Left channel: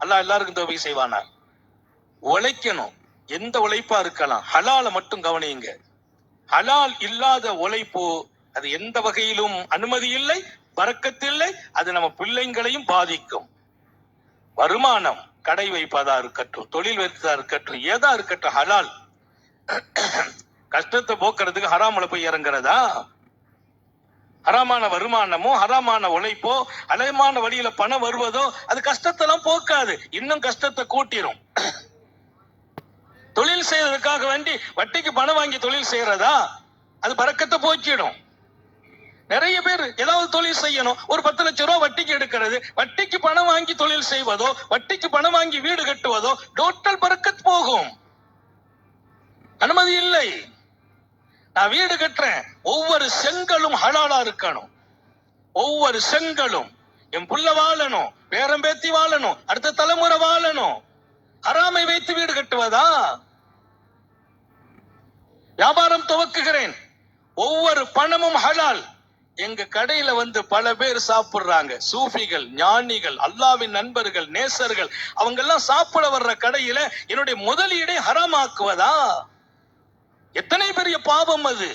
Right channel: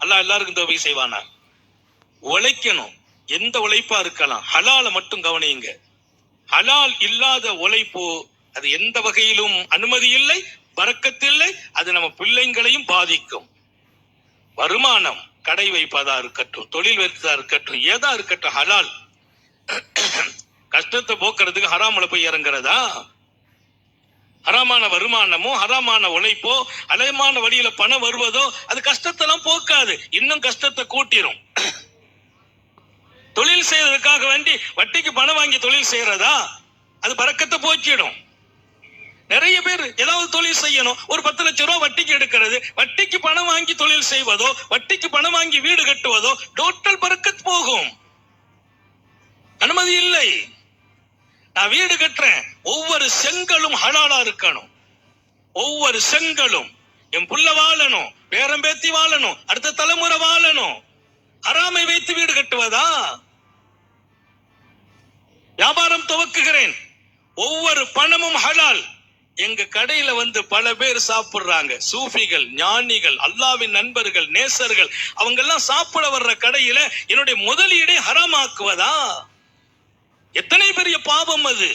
அல்லாஹ் எல்லாருக்கும் தௌஃபீக் செய்வானா? உழைக்கணும், எந்த உழைப்பா இருக்கலாம், ஹலால மட்டும் கவனியுங்க. ஹலால் இல்லாத உழைப்பு அது எந்த வகையிலும் அனுமதி இல்லை, பரக்கத்தில்லை. அது நம்ம பிள்ளைங்களையும் பாதிக்கும். வருமானம், கடை வைப்பதா இருக்கட்டும், தொழில் வைப்பதா இருக்கட்டும், ஏதா இருக்கட்டும், ஹலால். கஷ்டத்தை போக்குறதுக்கு ஹராமுல போய் இறங்குறதா? ஹராமான வருமானமோ ஹராமான உழைப்போ அலைமான வழியில பணம் வருவதோ அது கஷ்டத்தெல்லாம் போக்காது, இன்னும் கஷ்டத்தை கூட்டிரும். தொழில் செய்யறதுக்காக வேண்டி வட்டிக்கு பணம் வாங்கி தொழில் செய்யறதா? அது பரக்கத்தை போக்கிடும். நிறைய பேர் ஏதாவது தொழில் செய்யணும், ஒரு 10 லட்சம் ரூபாய் வட்டிக்கு எடுக்கிறது, வட்டிக்கு பணம் வாங்கி தொழில் செய்வதோ, வட்டிக்கு பணம் வாங்கி வீடு கட்டுவதோ டோட்டல் பரக்கத் போகும். அனுமதி இல்லை. நான் வீடு கட்டுறேன், ஒவ்வொரு செங்கலும் ஹலாலா இருக்கணும். ஒவ்வொரு செங்கலும் என் புள்ள வாழணும், பேரம் பேத்தி வாழணும், அடுத்த தலைமுறை வாழணும். ஹராமை வைத்து வீடு கட்டுவதா? வியாபாரம் துவக்குகிறேன், ஒவ்வொரு பணமும் ஹலால். எங்க கடையில வந்து பல பேர் சாப்பிடுறாங்க, சூஃபிகள், ஞானிகள், அல்லாவின் நண்பர்கள், நேசர்கள், அவங்க எல்லாம் சாப்பிட வர்ற கடையில என்னுடைய முதலீடை ஹராமாக்குவதா? எத்தனை பெரிய பாவம் அது!